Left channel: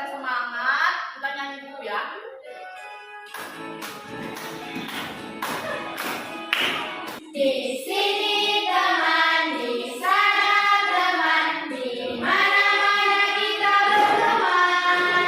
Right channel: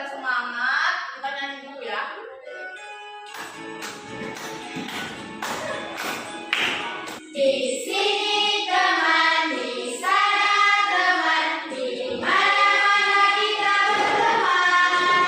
kalian semangat, kita nyanyi dulu ya. Di sini teman, di sana teman, di mana-mana kita berteman.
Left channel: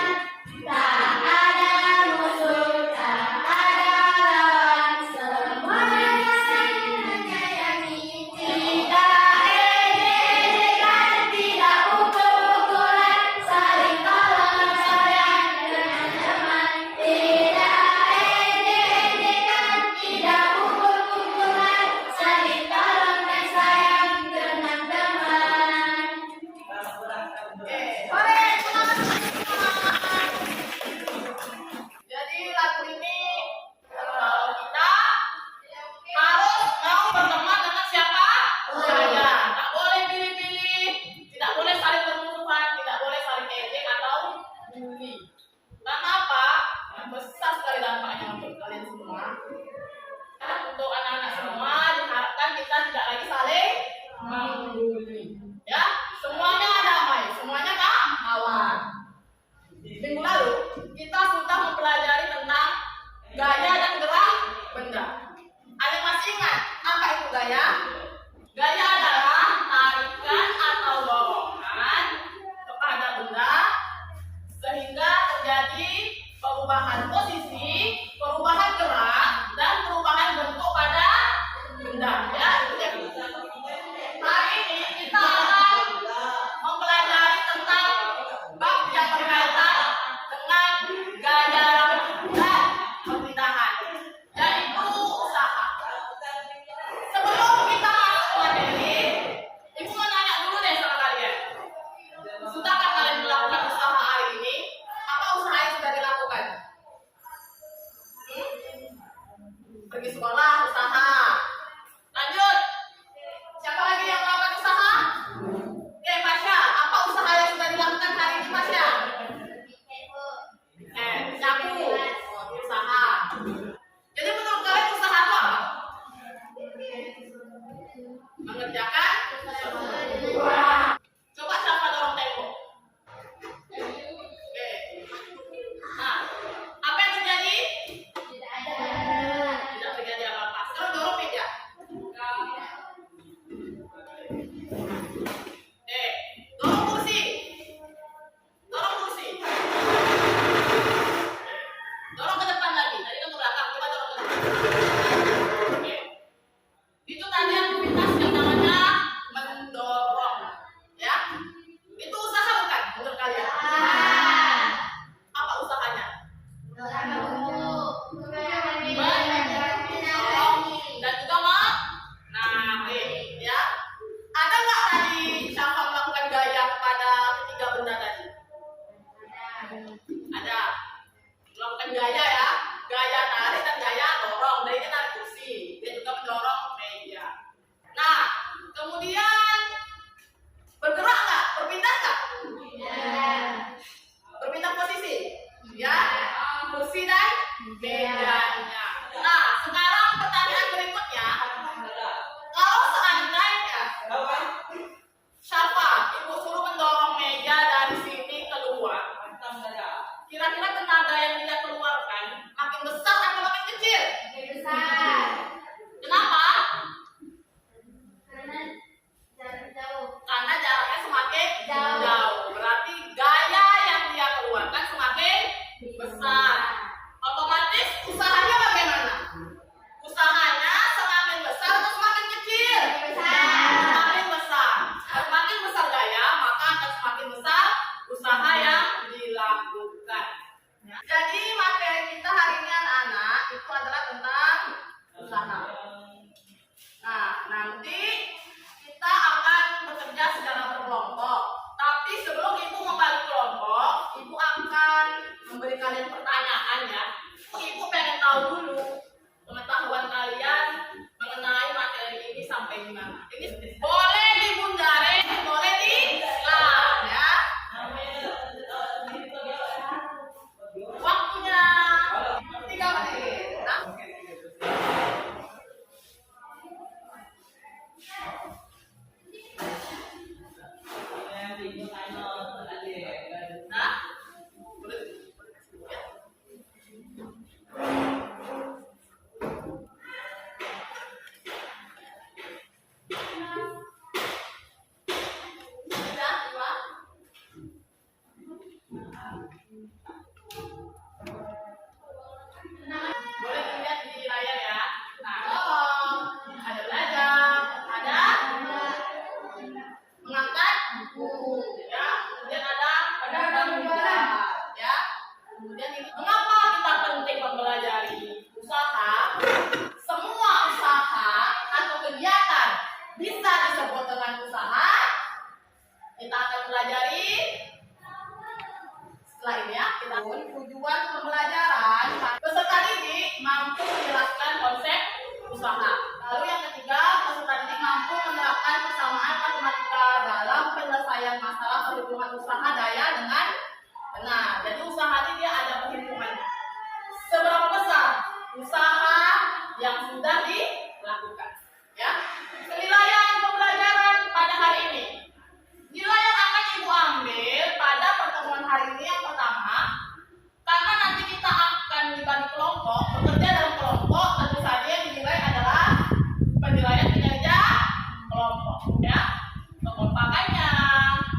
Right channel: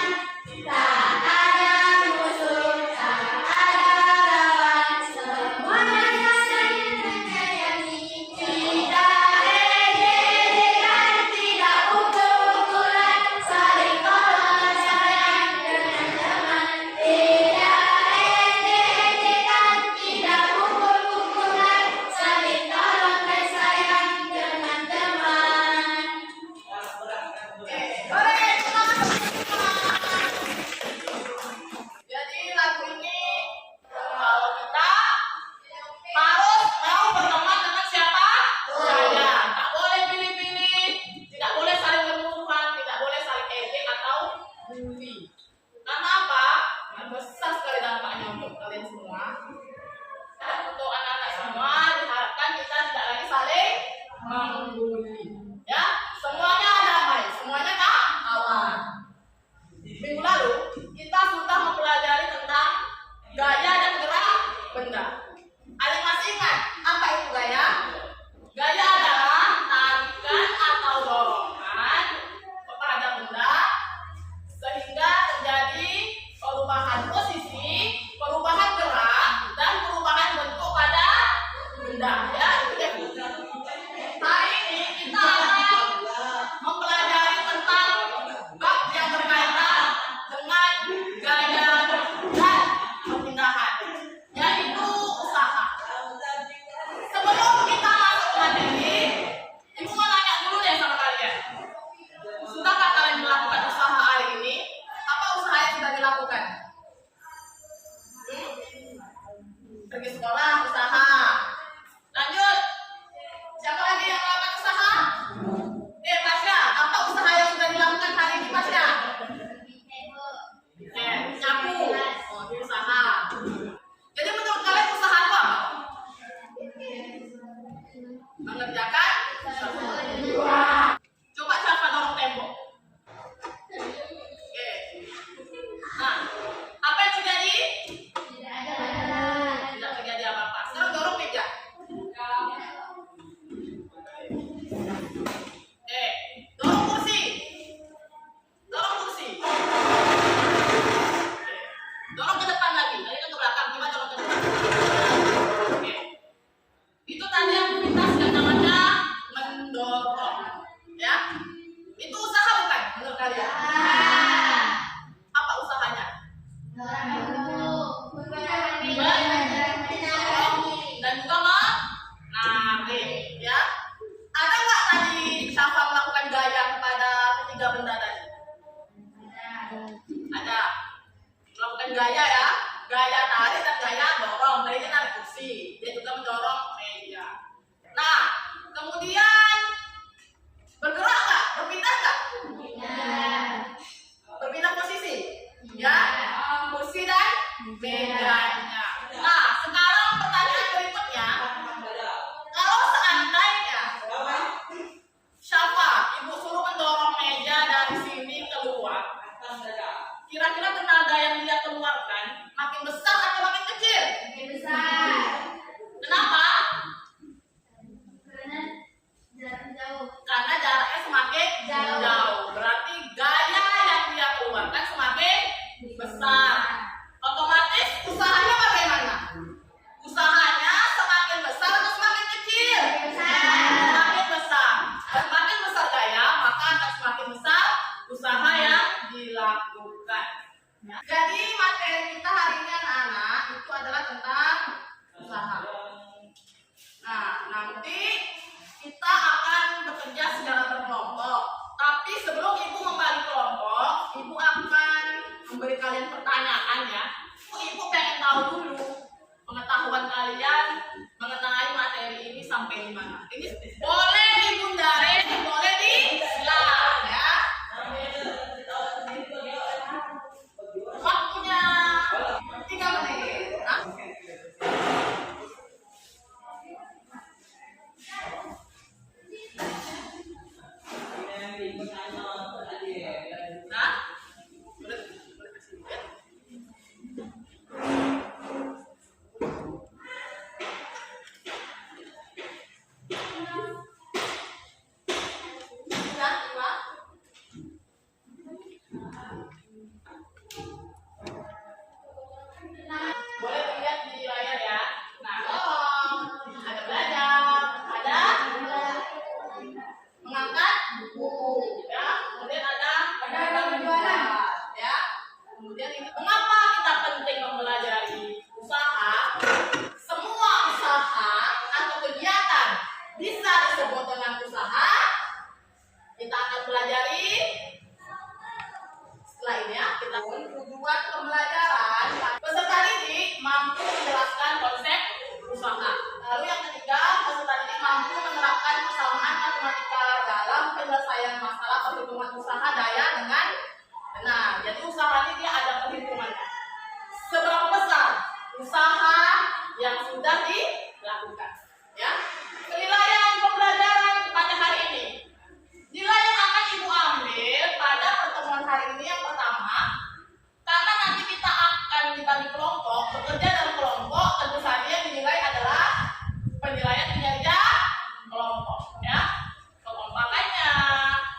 Tak ada musuh, tak ada lawan, semuanya saling menyayangi. Tidak ejek-ejekan, tidak pukul-pukulan, saling tolong sayang dengan teman. Tidak ejek-ejekan, tidak pukul-pukulan, saling tolong dan sayang dengan teman. Sore, semangat semua. Jadi lagu ini kita harus mau berteman dengan siapa saja. Tak boleh pilih-pilih, tidak boleh saling bermusuhan, tidak boleh saling ejek atau bully. Karena apa? Yang besar sekali dampaknya untuk kalian semua. Dan untuk anak-anak semua diharapkan kita tidak lagi saling membuli. Ya, semuanya damai, semuanya kawan. Minggu lalu kita sudah mempelajari tentang gaya dan gerak benda. Ada yang masih ingat apa itu gaya? Gaya adalah tarikan atau dorongan kepada benda sehingga terjadi perubahan posisi, perubahan gerak, dan perubahan bentuk pada benda. Ya, itu ya. Hari ini kita akan mempelajari tentang bab yang berkaitan dengan gaya dan pemindahan, yaitu usaha. Sebelum kita masuk ke materi, Ibu mau nanya dulu deh sama kalian. Sudahkah kalian melakukan usaha hari ini? Apa usaha yang sudah dilakukan? Pergi sekolah, usaha. Lanjut. Siapa lagi yang melakukan usaha? Pasya, apa usaha yang sudah dilakukan hari ini, Pasya? Nyapu. Oh, itu usaha. Jadi menurut kalian usaha itu apa? Mengerjakan sesuatu. Coba siapa dorong tembok? Oke. Nah, apa yang terjadi? Tidak terjadi apa-apa. Sekarang dorong meja. Dorong kursi. Dorong kursi. Dorong ke depan lagi. Tadi kan ke belakang. Coba dorong ke depan. Oke. Itu tadi aktivitas yang namanya mendorong. Ya. Itu usaha bukan menurut kalian? Apa usahanya? Mendorong dan juga menarik. Ya. Ada nggak tadi siapa melakukan gaya kepada ketiga benda tadi? Ada. Melakukan gaya ya. Gaya tarik dan gaya dorong. Tadi dia narik kursi. Dia juga mendorong meja. Nah, kemudian bergerak nggak? Berpindah nggak? Berpindah posisi? Ya. Kursi dan mejanya. Nah, sekarang pertanyaan berikutnya. Kalau seandainya siapa ibu suruh mendorong meja dari sini keluar, kira-kira tenaga yang dia keluarkan makin besar atau makin kecil? Kenapa? Karena jaraknya semakin jauh. Berarti gaya yang dia keluarkan semakin besar. Otomatis usahanya dagang menjual, ya. Kemudian ini mengapa kita penting mempelajari usaha? Semua usaha atau kegiatan bisa disebut dengan usaha. Kita akan pelajari setelah ini ya. Kita tujuan pembelajaran peserta didik mampu menjelaskan konsep usaha. Lalu yang ketiga, peserta didik mampu menerapkan persamaan matematika dalam penyelesaian masalah perhitungan usaha daya dengan benar. Jadi usaha ini dia ada perhitungannya. Seberapa besar usaha yang sudah dilakukan? Ya. Penilaian pembelajaran pada hari ini. Nilai yang akan Ibu ambil pada pertemuan hari ini yang pertama, karena nanti kita akan dibagi kelompok, bekerja dalam kelompok, tentu saja yang dinilai adalah penilaian kinerja kelompok, ya, kekompakannya,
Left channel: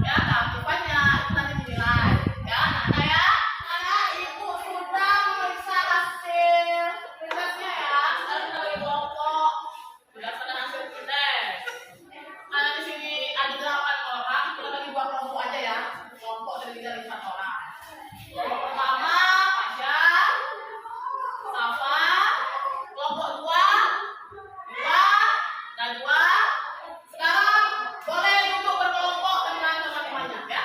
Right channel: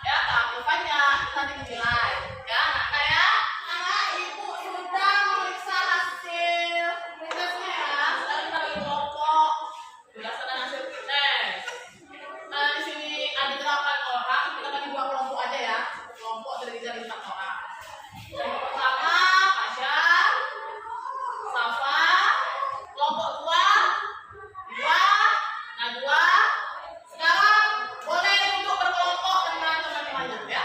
ya, keaktifannya itu nanti dinilai, ya, anak-anak ya. Anak Ibu sudah memeriksa hasil tesnya ya. Sekarang kita bagi kelompok berdasarkan hasil tes. Di sini ada 8 orang, kita bagi 2 kelompok aja ya. Kelompok terdiri dari 4 orang. Kelompok pertama Fajar, Safa, kelompok 2 Najwa. Sekarang boleh duduk berkelompok dengan teman-temannya ya.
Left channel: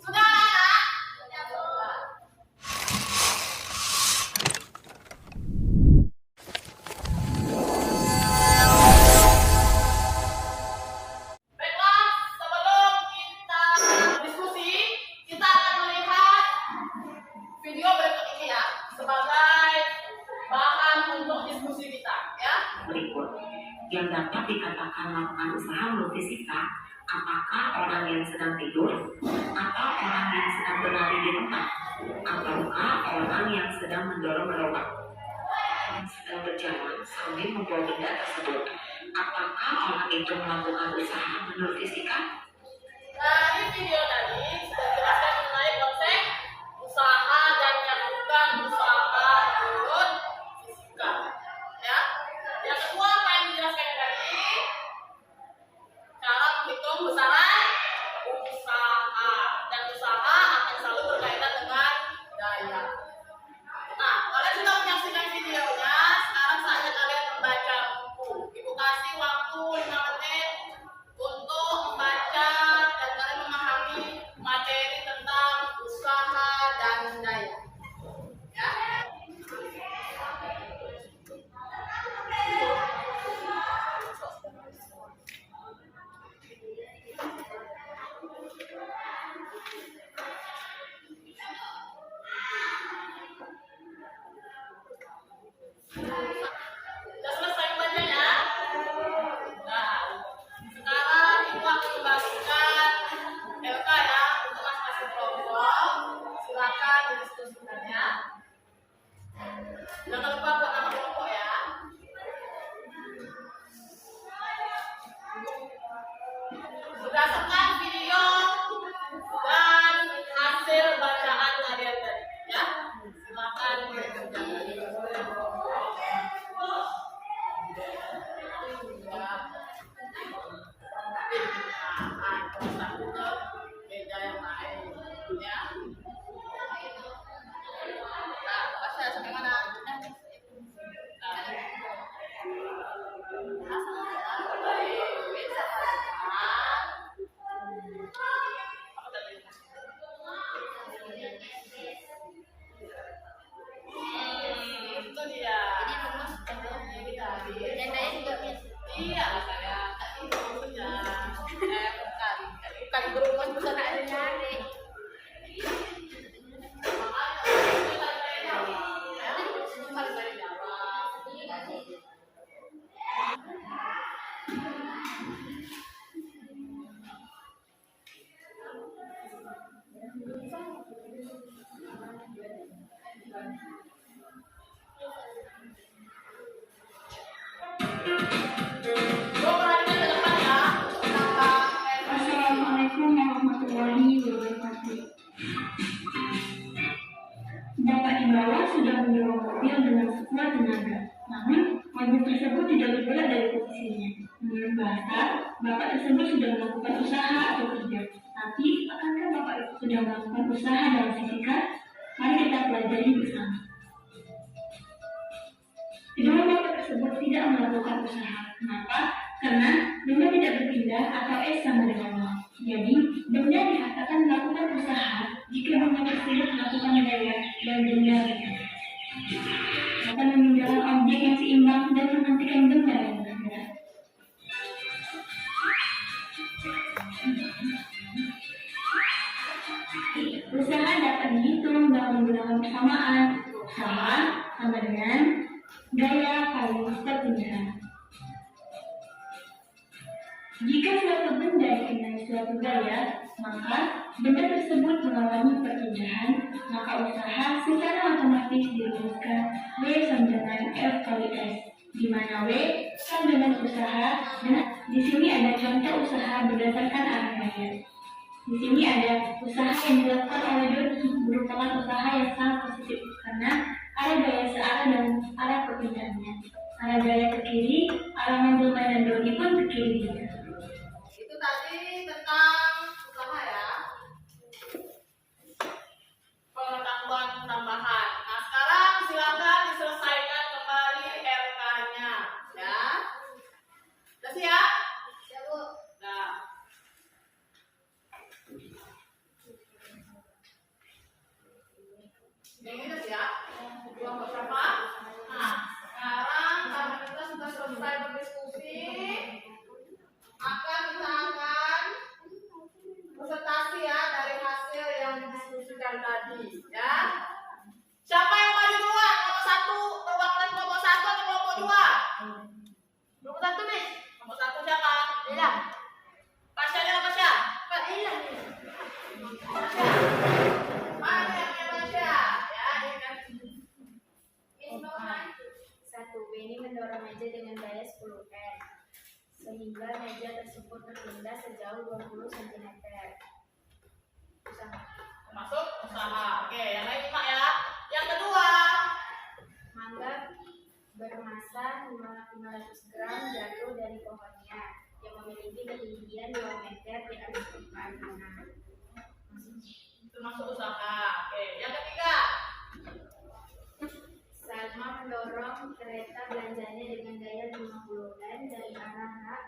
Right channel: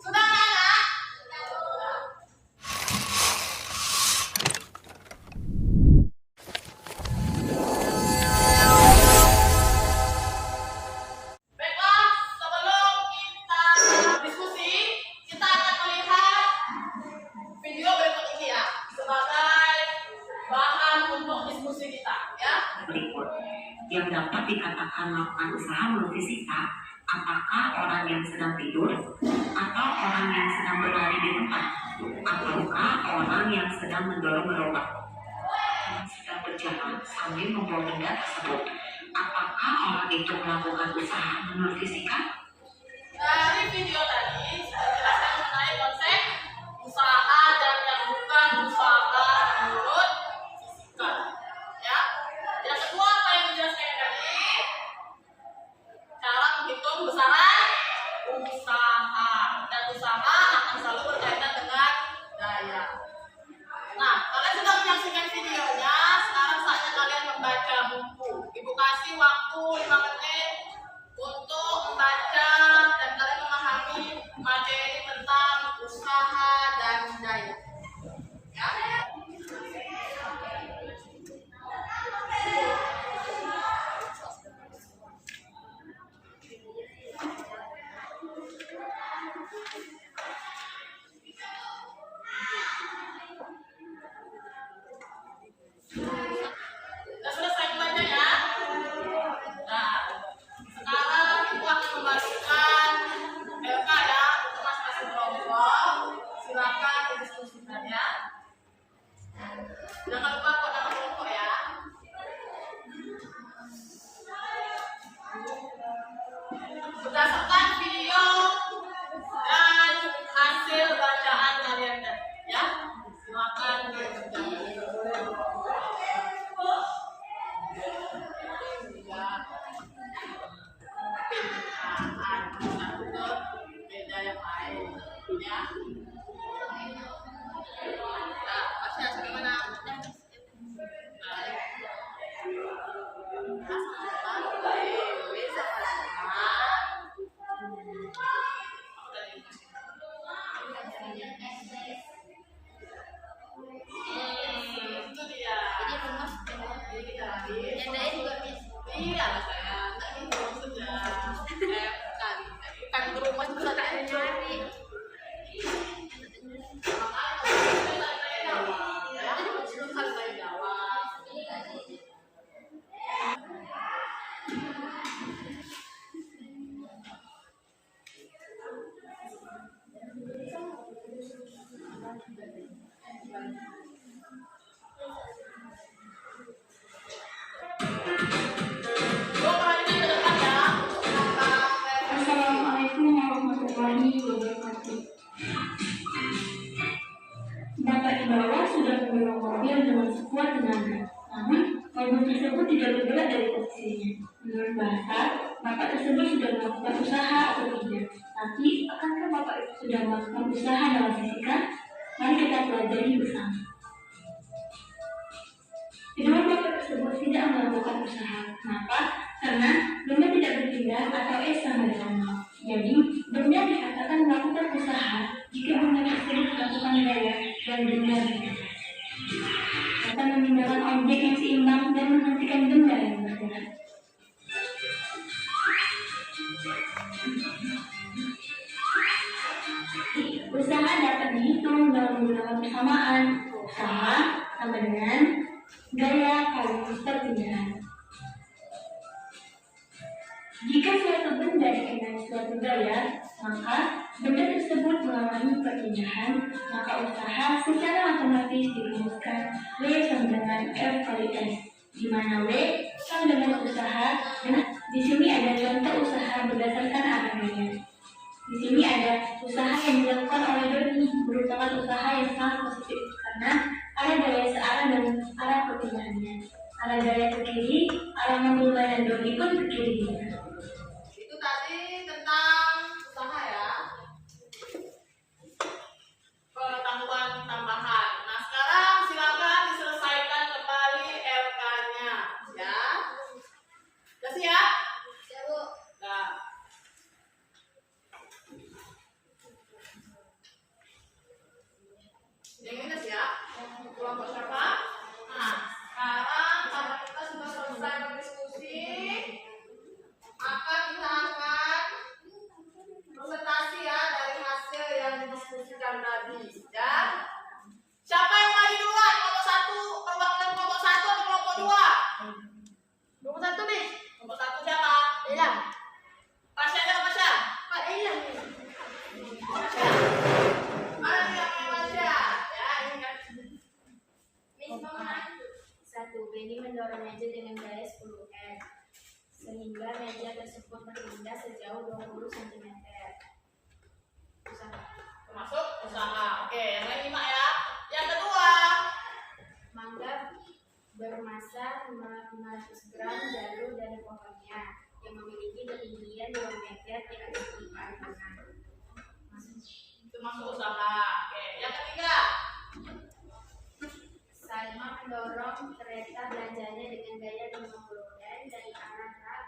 Sudah anak? Baiklah, sebelum kita diskusi, kita akan melihat video berikut ini ya sebagai bahan untuk diskusi kita ya. Berikut yang dapat dikatakan melakukan usaha menurut fisika, apakah orang yang sedang tidur atau orang yang sedang berlari di tempat, ataukah orang yang sedang mendorong gerobak yang sedang berjalan sambil membawa benda tersebut? Apakah orang itu melakukan usaha menurut fisika? Dari video tadi sudah dijelaskan mengenai konsep usaha dan yang bukan usaha menurut fisika. Ya. Yang kedua apa yang dijelaskan tadi? Cara menghitung besaran usaha, dan usaha akan selalu berkaitan dengan daya. Nah, kalian sudah menyaksikan videonya, sekarang saatnya kalian membaca buku. Ibu kasih waktu 5 menit untuk membaca dan kalian memahami materi tentang usaha dan daya. Ya. Sudah selesai membacanya? Nah, sekarang Ibu akan membagikan LK ya untuk masing-masing kelompok. Silakan didiskusikan ya. Jangan lupa buat nama kelompok ya. Berdasarkan video dan hasil bacaan kalian tadi ya. Silakan dikerjakan. Beda yang lain ya. Nah, baca sampai mana? Itu dia. Jadi rumus yang daya juga bisa. Iya lah saya. Itu maksudnya. Bukan berumus bisa tak ada nyari. Assalamualaikum warahmatullahi wabarakatuh. Bapak di bawah sudah mendorong mobil dengan sekuat tenaga. Namun, mobil tersebut tidak bergerak dari posisinya. Menurut bahasa rasa Bapak tersebut sudah melakukan usaha atau kerja. Tapi, akankah Bapak sudah melakukan usaha dalam fisika? Mari kita pelajari bersama. Kedua Bapak tersebut tidak melakukan usaha. Kenapa? Karena benda tidak berpindah atau S sama dengan 0. Jadi, benda dikatakan melakukan usaha jika benda tersebut melakukan gaya dan benda akan memindahkan objek yang seimbang dan menghentikan benda yang bergerak. Usaha dapat dihitung dalam menggunakan persamaan. Usaha sama dengan gaya kali perpindahan. Jika suatu benda dikenai suatu gaya, maka benda tersebut mengalami perpindahan, maka usaha secara otomatis dirumuskan W sama dengan F kali S, di mana W sama dengan usaha, dan di sini ada contoh usaha berdasarkan arah gaya. Di sini ada usaha yang dilakukan oleh Doni, merupakan usaha yang sangat positif karena arah gaya searah dengan arah perpindahannya. Arah gaya ke kiri, arah mengambil mainan Doni pun ke kiri juga. Itu tadi tentang usaha ya. Pengetahuan tambahan. Nah, sekarang silakan diselesaikan kembali LK-nya ya. Udah siap? Ya, Bu. Nah. Yang ini siap? Kelompok siapa? Nah, sekarang karena kita sudah selesai berdiskusi, maka kita akan presentasi ya dari hasil yang didiskusikan tadi ya. Siapa yang maju duluan? Kelompok 1, perwakilan kelompok 1 atau kelompok 2? Kelompok 1, Miss. Kelompok 1 siapa? Ilham. Pasha atau Pasha? Pak Ilham. Mana yang punya Pasha? Ya, ini kan. Miss mau lanjut. 1. Benny mendorong meja dengan gaya 10 N sehingga meja tersebut berpindah sejauh 20 cm. Usaha. Termasuk usaha. Oke, yang lain 5 ya. Yang kedua, Mangga bermasa 500 gram jatuh dari pohonnya yang memiliki ketinggian 2 meter di atas permukaan tanah. termasuk usaha. Oke, yang ketiga, Salma mendorong kereta belanjanya dengan gaya 50 N dari arah rak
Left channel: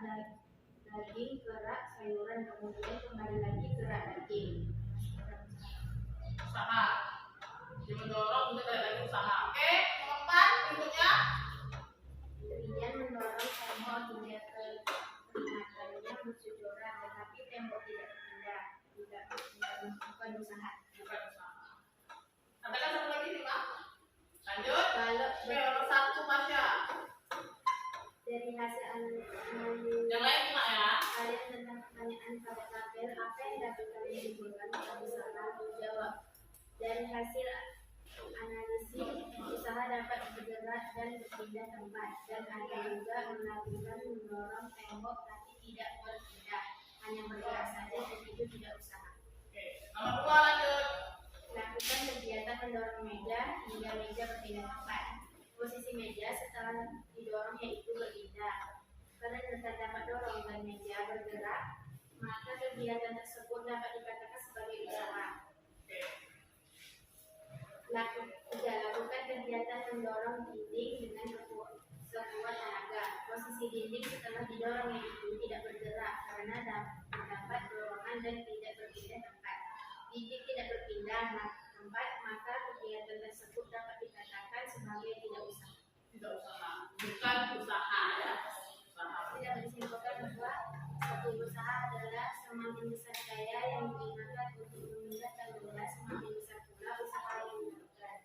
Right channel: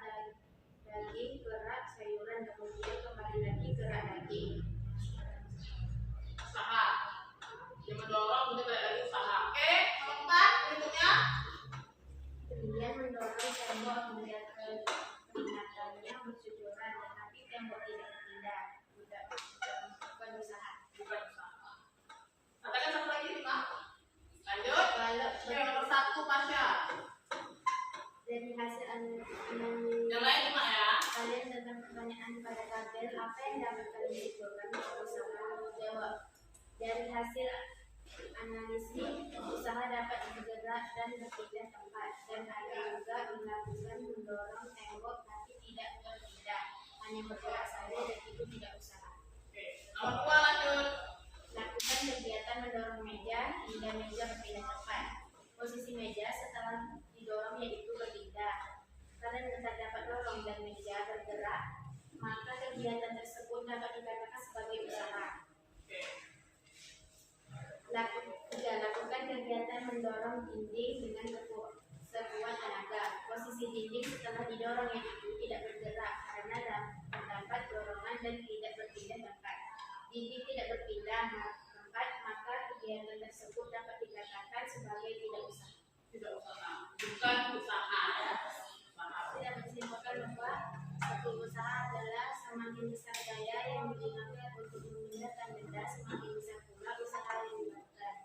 daging ke rak sayuran, kemudian kembali lagi ke rak daging. usaha. Dia mendorong untuk balik lagi usaha. Oke, nomor 4 berikutnya. Trian mendorong tembok hingga ke peringatannya bercucuran, tetapi tembok tidak berpindah. Bukan usaha. Bukan usaha. Katakan satu lagi 5. Lanjut. Kalau Oke, nomor 1 Pasha. dari hasil Yang lain 5 ya. kalian tentang pertanyaan pada tabel, apa yang dapat kalian simpulkan tentang usaha? Jawab. Dari hasil analisis, usaha dapat bergerak dan berpindah tempat, dan ada juga melakukan mendorong tembok tapi tidak berpindah, hanya bergerak saja dan itu tidak usaha. Oke, nomor 2 lanjut. Lakukan kegiatan mendorong meja hingga meja berpindah tempat. Posisi meja setelah didorong yaitu berpindah. Kalian dapat dorong dan meja bergerak, maka kegiatan tersebut dapat dikatakan sebagai usaha. Lakukan kegiatan mendorong dinding dengan sekuat tenaga. Posisi dinding setelah didorong yaitu tidak bergerak karena terdapat dorongan dan tidak berpindah tempat. Dinding tidak berpindah tempat, maka kegiatan tersebut dapat dikatakan sebagai tidak usaha. Tidak usaha. Bukan usaha ya. Usaha. Tidak disimpulkan bahwa satu usaha adalah semakin besar daya yang digunakan untuk memindahkan benda, semakin besar pula usaha yang dilakukan.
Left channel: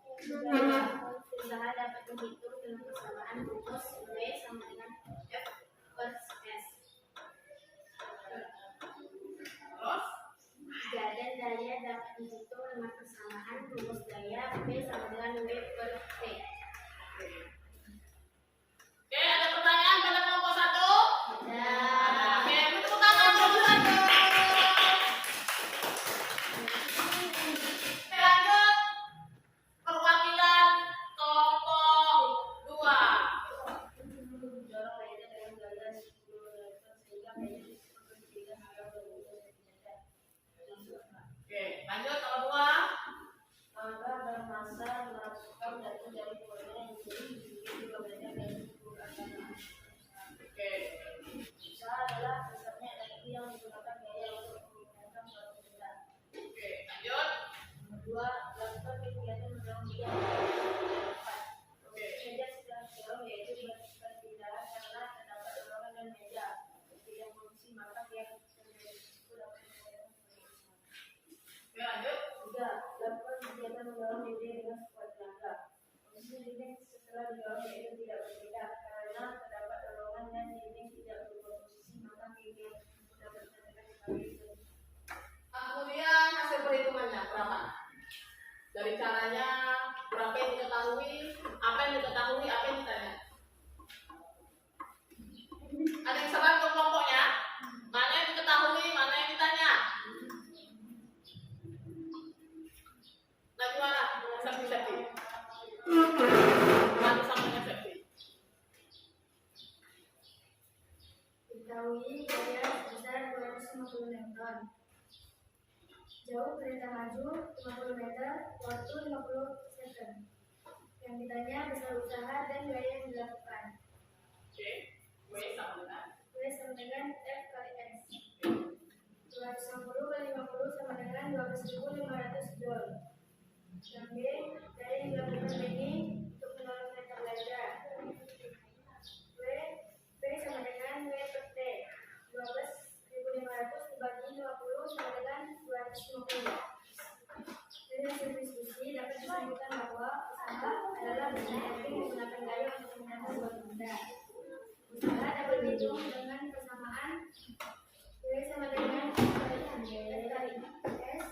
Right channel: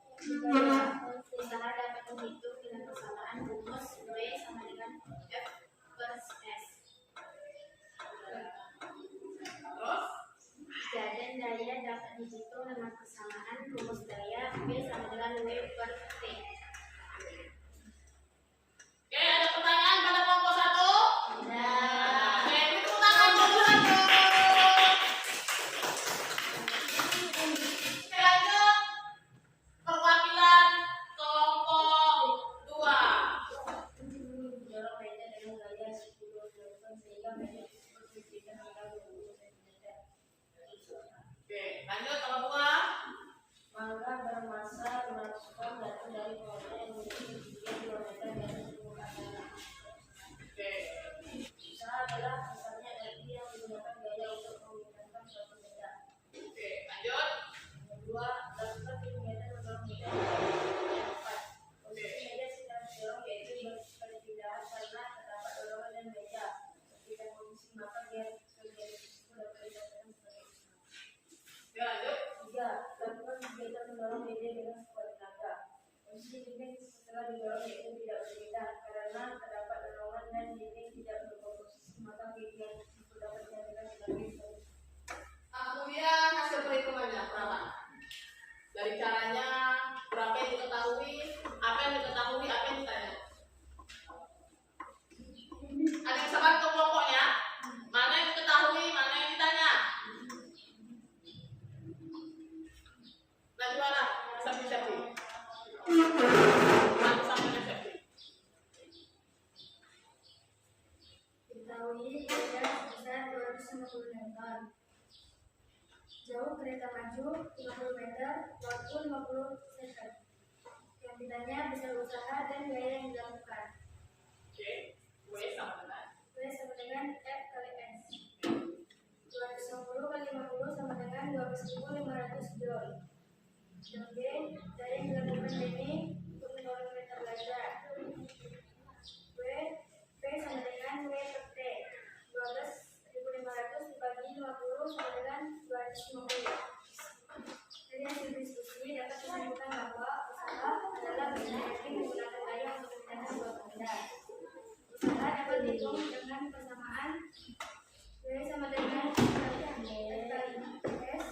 Usaha dapat dihitung dengan persamaan rumus W sama dengan F per S. Terus Dan daya dapat dihitung dengan persamaan rumus daya V sama dengan W per T. Oke, ada pertanyaan pada kelompok 1? Nah, Oke, itu tepuk tangan dulu lanjut. Oke, lanjut. Perwakilan kelompok 2. dorong meja dengan gaya 10 N sehingga Jauh kereta maju 50 meter, waktu 50 second. Yang ditanya besar usaha dan gaya yang dilakukan. Oke. W sama dengan W sama dengan F kali S. 250 kali 50 sama dengan 12.500 joule. Yang B, gaya yang dilakukan ini untuk mendorong kereta belajar. W sama dengan W per T. 12.500 dibagi 50 sama dengan 250. Dari hasil diskusi dapat disimpulkan bahwa usaha adalah benda yang menggunakan gaya untuk memindahkan dua benda. Usaha dapat dihitung dengan persamaan W sama dengan F kali S,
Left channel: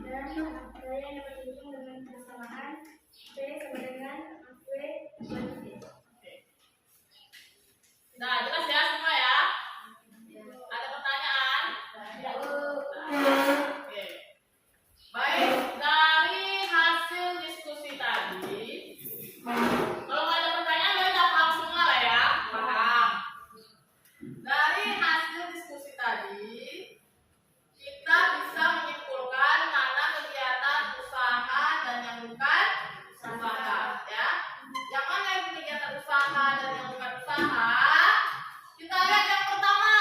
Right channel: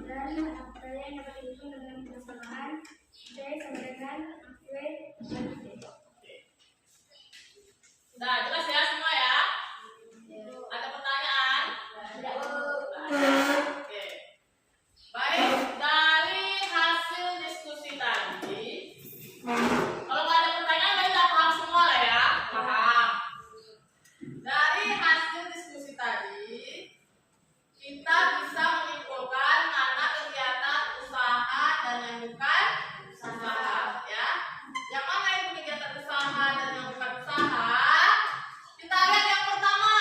dan gaya yang dapat dihitung dengan persamaan T sama dengan W kali T. Nah, jelas ya semua ya? Ada pertanyaan? Oke. Baik, dari hasil diskusi tadi, kalau nggak ada pertanyaan, berarti udah paham semua lah ya? Paham. Dari hasil diskusi tadi, kita bisa menyimpulkan mana kegiatan usaha dan yang bukan usaha, ya. Yang mana yang kegiatan usaha dan yang bukan usaha? Kita lihat yang pertama.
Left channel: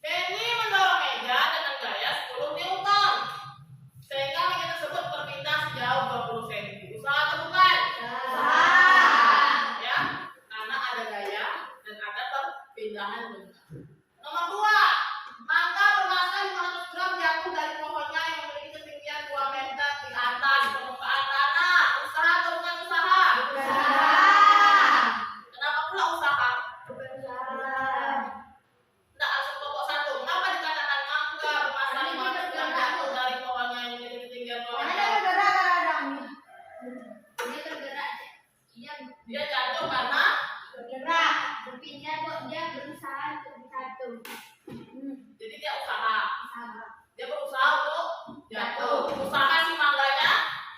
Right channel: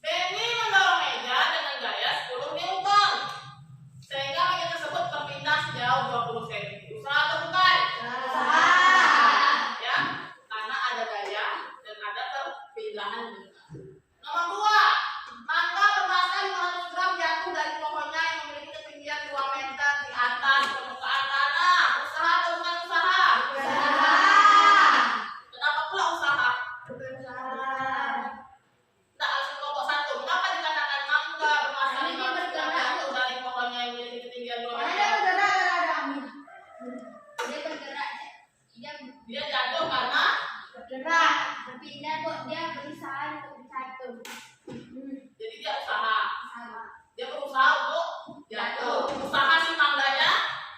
Benny mendorong meja dengan gaya 10 Newton, sehingga meja tersebut berpindah sejauh 20 cm. Usaha atau bukan? Ya, karena ada gaya dan ada perpindahan benda. Nomor 2, mangga bermassa 500 gram jatuh dari pohonnya yang memiliki ketinggian 2 meter di atas permukaan tanah. Usaha atau bukan usaha? Kenapa pula usaha? Tidak langsung kelompok satu. Mengapa dikatakan mangga bermassa 500 gram jatuh dari pohonnya yang memiliki ketinggian 2 meter? Dia jatuh karena Berpindah kok, dia berusaha untuk bersatu. jadi dia usaha. Dia berusaha untuk jatuh. Usaha si mangganya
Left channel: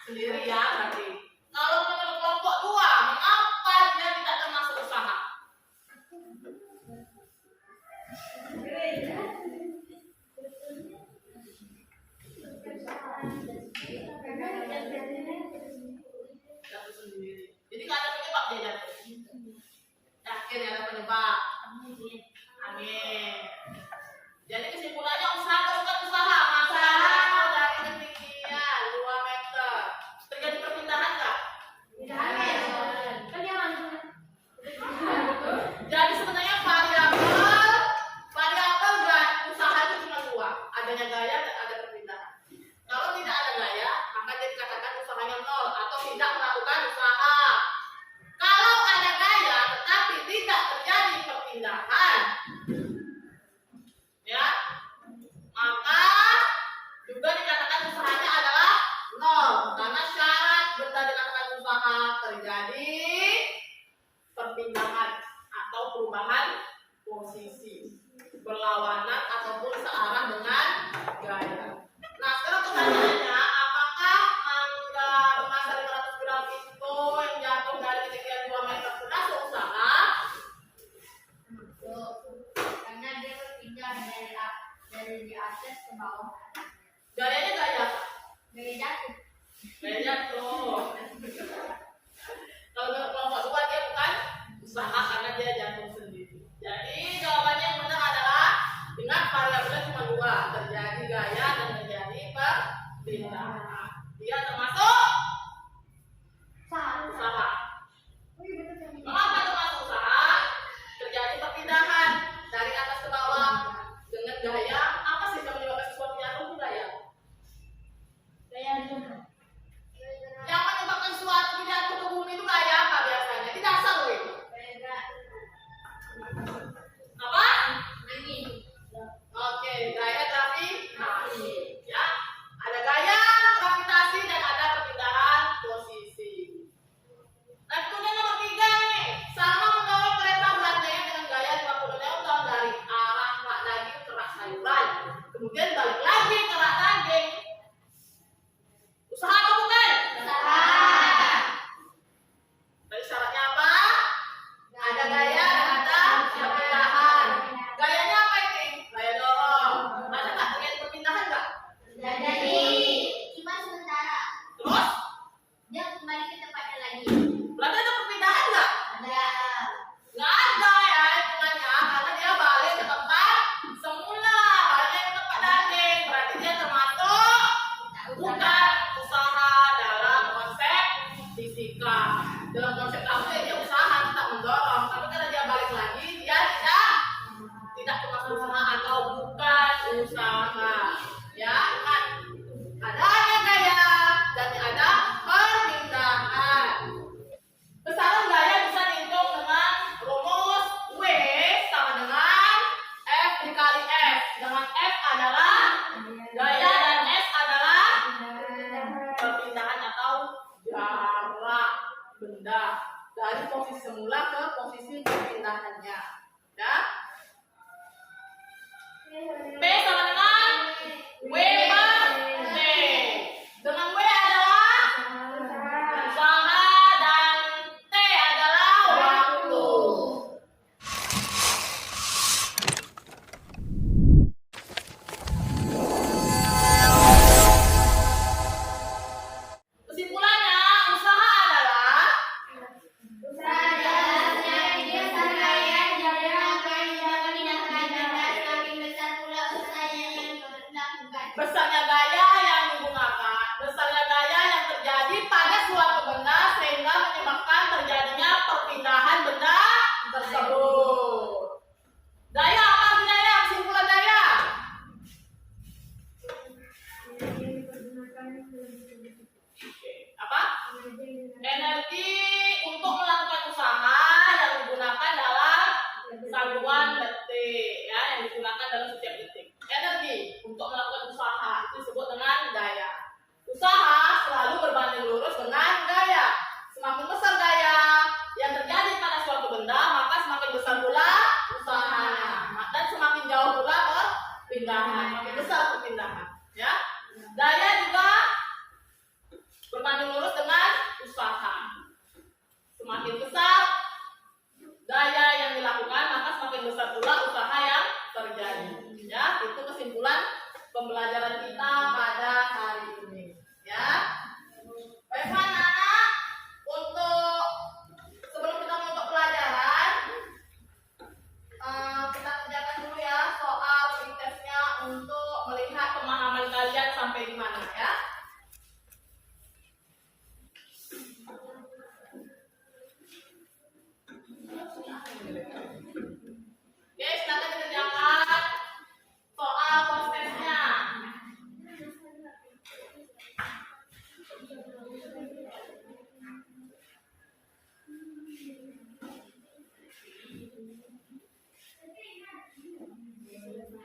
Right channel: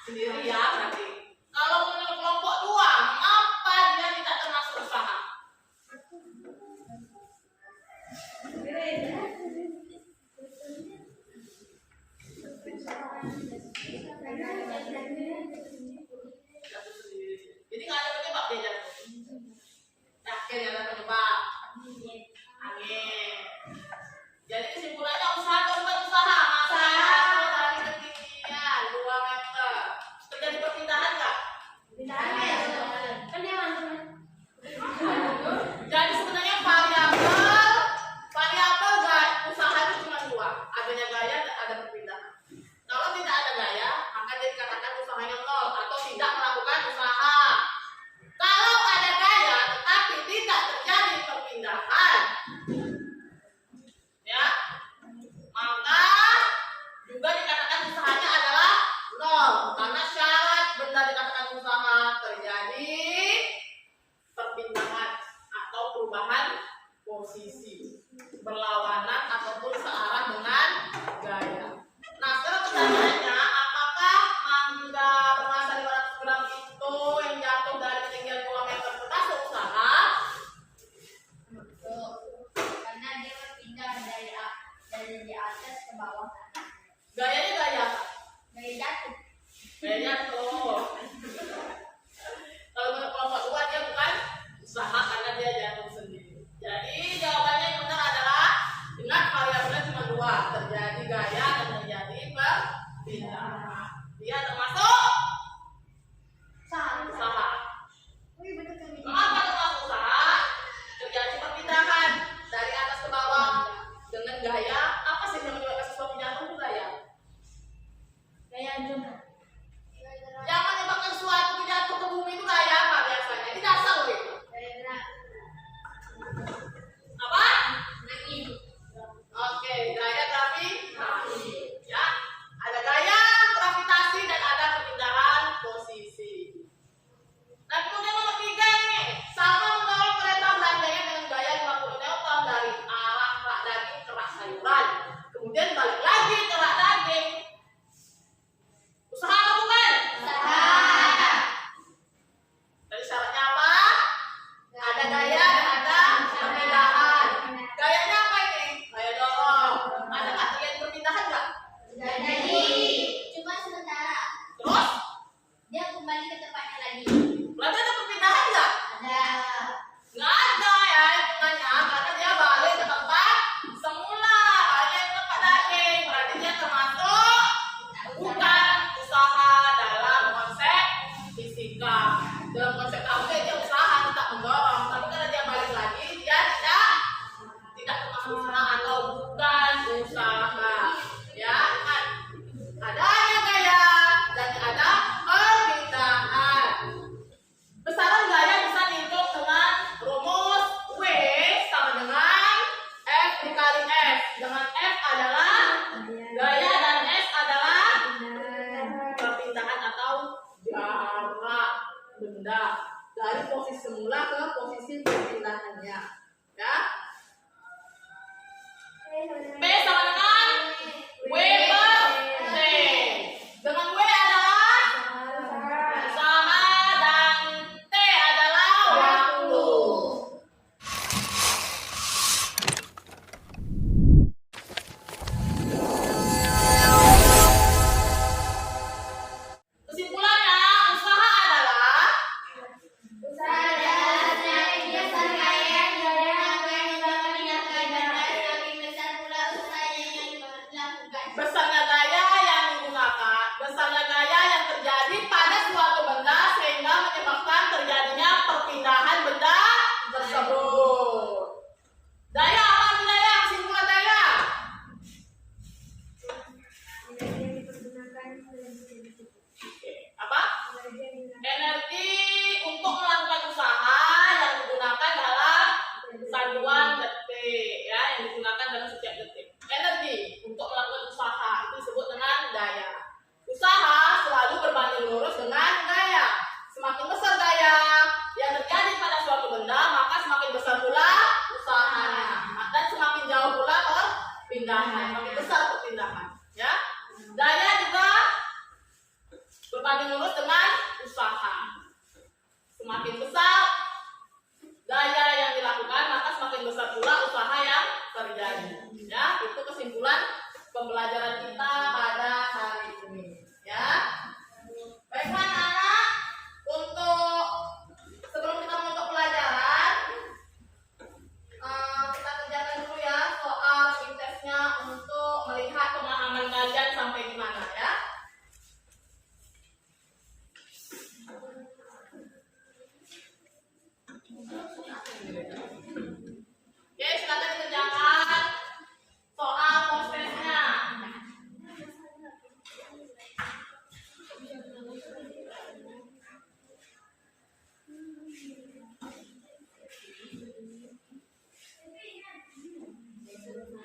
sendiri ya berarti. Kalau menurut kelompok 2, mengapa dia tidak termasuk usaha? Jatuh sendiri. Jadi nggak ada penyebab dia jatuh. Yakin ada penyebab. Angin. Jadi kesimpulannya usaha atau bukan usaha? Maka jatuh dari ketinggian 2 meter. Terjadi perpindahan nggak? Jadi sebenarnya variabel dan usaha itu cuma 2, adanya gaya dan ada perpindahan. Kalau tidak ada gaya, maka dia dikatakan usahanya 0 atau tidak melakukan usaha. Kalau ada gaya tetapi tidak terjadi perpindahan, ya, maka juga dikatakan usahanya adalah 0 karena syarat benda dikatakan usaha terjadi perpindahan atau perubahan posisi, berlawanan ataupun searah dengan gaya. Nah, sekarang pertanyaannya, apakah mangga bermassa 500 gram itu yang jatuh dari ketinggian 2 meter termasuk usaha? Karena dia berpindah dari di atas ke bawah. Gayanya gaya apa? Gaya jatuh. Gaya jatuh. Kalau menurut kelompok 2 dia bukan usaha karena dia jatuh sendiri. Jadi jawabannya yang benar adalah ingat variabelnya cuma 2, terjadi gaya dan terjadi perpindahan. Dia termasuk usaha. Mengapa termasuk usaha? Terjadi perpindahan dari atas ke bawah dengan gaya. Apa sih yang menyebabkan sesuatu jatuh itu gaya? Yang menyebabkan suatu jatuh ke bumi itu gaya apa biasanya? Di dasar loh itu. Apa? Oke, gaya gravitasi. Ya, ada gaya gravitasi dan ada perpindahan posisi. Nah, kemudian nomor 3 nih, sama mendorong kereta beranjaknya dengan gaya 50 Newton dari arah rak daging ke rak sayuran, kemudian balik lagi ke rak daging. Usaha atau bukan? Tadi syaratnya apa? Ada gaya dan ada perpindahan. Gayanya apa ini? Gaya dorong. Ada nggak terjadi perpindahan? bukan usaha. Ya, kan? Adanya gaya dan ada perpindahan. Besaran gaya bisa dihitung dengan rumus W sama dengan F dikali F. Dengan F adalah gaya dan S adalah perpindahan atau jarak benda dari posisi semula ke posisi perpindahannya. Ya. P sama dengan W per T. Dengan W adalah usaha dan T adalah waktu. Kesimpulannya, usaha adalah besarnya gaya yang digunakan, besarnya gaya yang terjadi pada suatu benda sehingga menyebabkan terjadinya perpindahan benda tersebut. Daya apa itu daya? Kesimpulan daya. Apa? Energi untuk melakukan usaha yang digunakan dalam satuan detik, ya, yang digunakan dalam setiap detik. Energi untuk melakukan usaha itu disebut dengan daya. Usaha selalu berbanding lurus dengan daya. Semakin besar daya yang terjadi pada suatu benda, maka semakin besar pula usahanya, dan semakin jauh pula perpindahan, semakin besar perpindahan. Ya, daya juga berbanding lurus dengan usaha. Semakin besar daya yang dilakukan, maka semakin besar pula usaha yang terjadi. Ya, itu kesimpulan pembelajaran kita pada hari ini. Ya, baiklah anak-anak, untuk sebelum kita menutup pelajaran, kita kerjakan dulu ya soal pretestnya untuk melihat pemahaman kalian sampai di mana ya. Oke, silakan dikerjakan soal postesnya.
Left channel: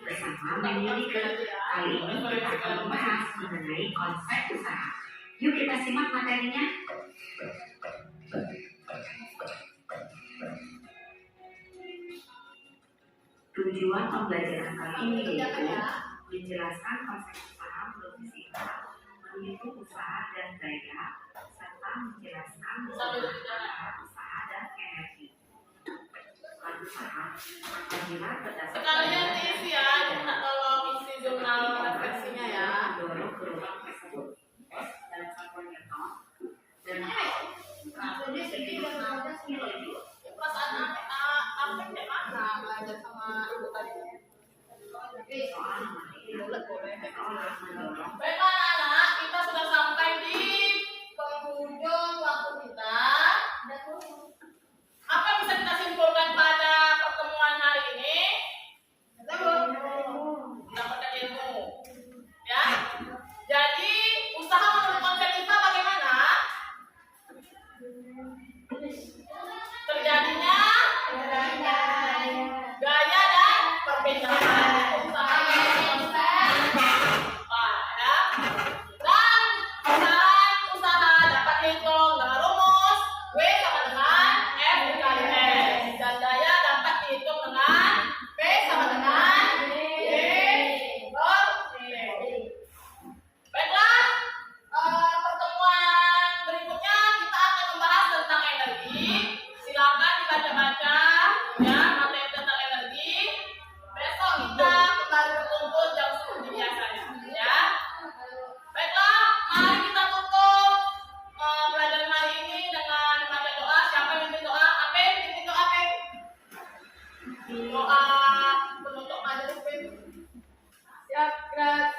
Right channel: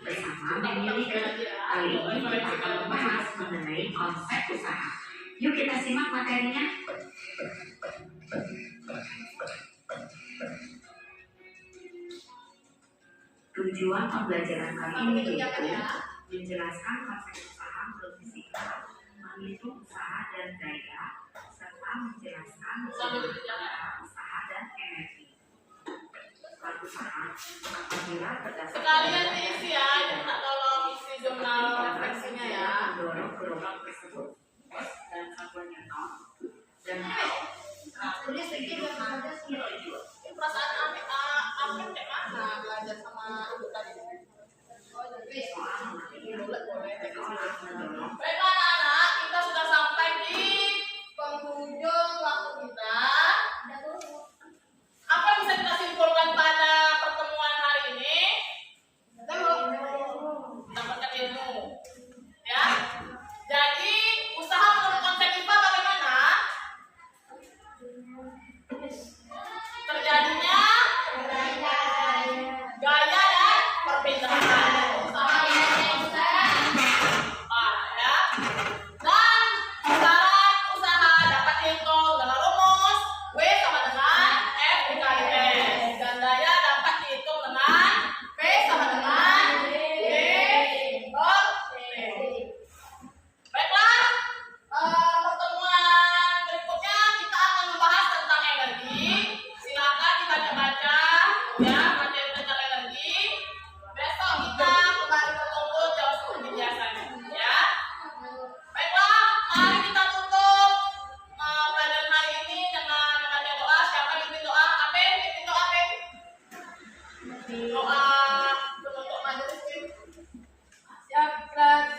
Bersama Bang Yulika, kali ini kita akan membahas mengenai konsep usaha. Yuk kita simak materinya. Tujuan pembelajaran kali ini yaitu menjelaskan konsep usaha menurut fisika, menghitung usaha dan daya, serta menjelaskan antara usaha dan energi. Usaha apabila berdasarkan Sekalian diisi ya, minta tolong isi jurnal refleksinya ya. mendorong gelombang tersebut dan satuan Newton dan kilojoule. Perasaan Amin dek mana belajar sama ibu tadi? Soal materi Boleh. soal mendorong Baiklah anak-anak, kita sudah sampai di penghujung waktu kita. Apa yang bisa kita simpulkan pada pertemuan hari ini? Mendapatkan ilmu. Ya. Jadi, usaha menurut konsep kita bagaimana? Terjadinya gaya dan perpindahan. Ya. Dan besaran usaha dapat dihitung dengan rumus W sama dengan F dikali S, dan daya dapat dihitung dengan P sama dengan D per T. Baiklah, pertemuan berikutnya kita akan membahas tentang energi. Silakan dibaca-baca ya materi tentang energi. Besok kita kembali berkumpul jam seperti biasanya ya. Baiklah, mari kita tutup pelajaran hari ini dengan membaca doa. Siapa yang pimpin doa? Ape, pimpin doa Ape. Doa penutup majelis. Siap, gerak.